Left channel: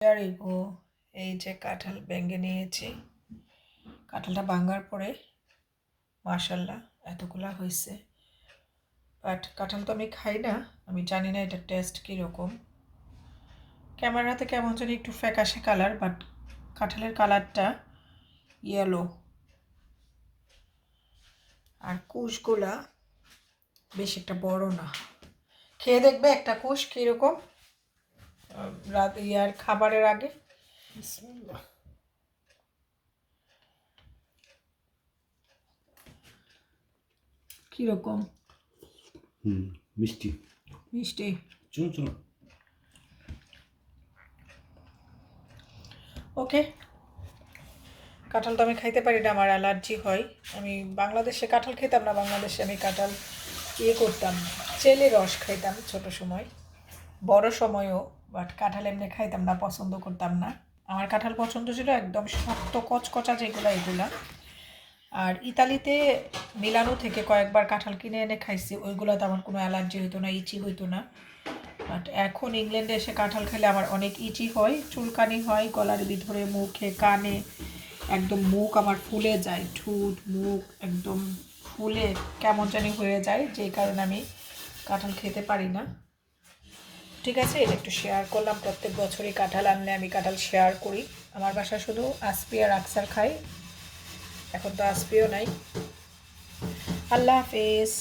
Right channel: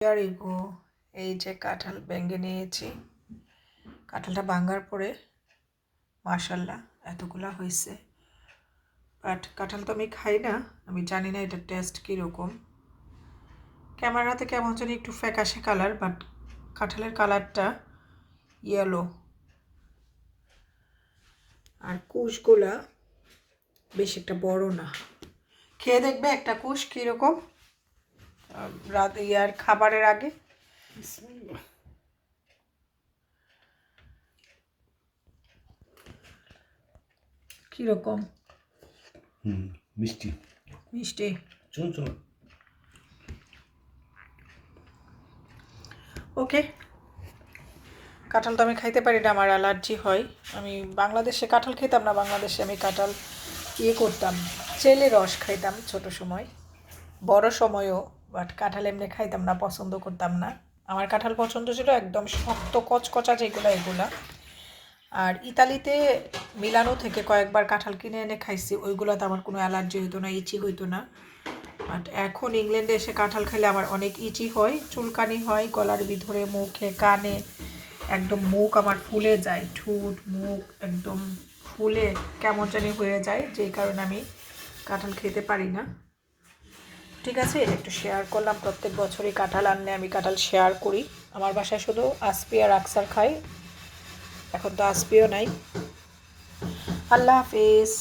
ইয়ারিগো এই যে কাঁঠাল ভেঙে নিয়েছি। কাঁঠালটা ভাঙার পরে মাশাল্লাহ এতগুলা হয়েছে। বাট কাঁঠাল তো আমি খাই না, আমি জানি না এটার টেস্ট কীরকম। ক্যামেরাতে কেমন জানি একটু ফ্যাকাশে কালার, বাট কাঁঠালের কালারটা ইয়েলো। আর কুশগুলা বেশ একটা বড় না। খেয়ে দেখবে একটা কুশ কীরকম রাত ইয়ার খাবারের আগে। কীরকম? মিষ্টি মিষ্টি। চুন ওকে, কাঁঠাল তো আমি খাইতে পারি না, আমার অ্যালার্জি হয়। আমি বাংলাদেশে কাঁঠাল খেতাম না, বাংলাদেশে আমি কাঁঠাল করতাম, চেলে রস খাইতাম ছোট সময়, বড় সময়ও। বাট কাঁঠাল এমনি খাইতাম না, পছন্দ করতাম না। আমার কাঁঠাল পছন্দ ছিল একদম শক্ত কচকচা যেগুলো, এগুলা। আর ইতালিতে মিলানো থেকে কয়েকবার কাঁঠাল কিনে এনে খাইছি, ওইগুলোতে আমার কোনো অ্যালার্জি হইতো না, ইচি হইতো না। বাট এখন ইংল্যান্ডে এসে কাঁঠাল খেলে আমার অনেক ইচি হয়, চুলকানি হয় গলার ভিতরে, মুখে, কানে। একদম মুখ আমার ফুলে যায়, ঠোঁট মুখ একদম ফুলে কেমন জানি হয়ে যায়, যেই কারণে আমি কাঁঠাল খেতে পারি না। ঠিক আছে, এটা একটু শেয়ার করলাম। প্রত্যেক বছরই কাঁঠাল আনলে আমি কাঁঠাল শেয়ার করি। আমার বাসায় শুধু আসপি আর আকসার খাই, এখন তো আসপিও নাই। আল্লাহ হাফেজ।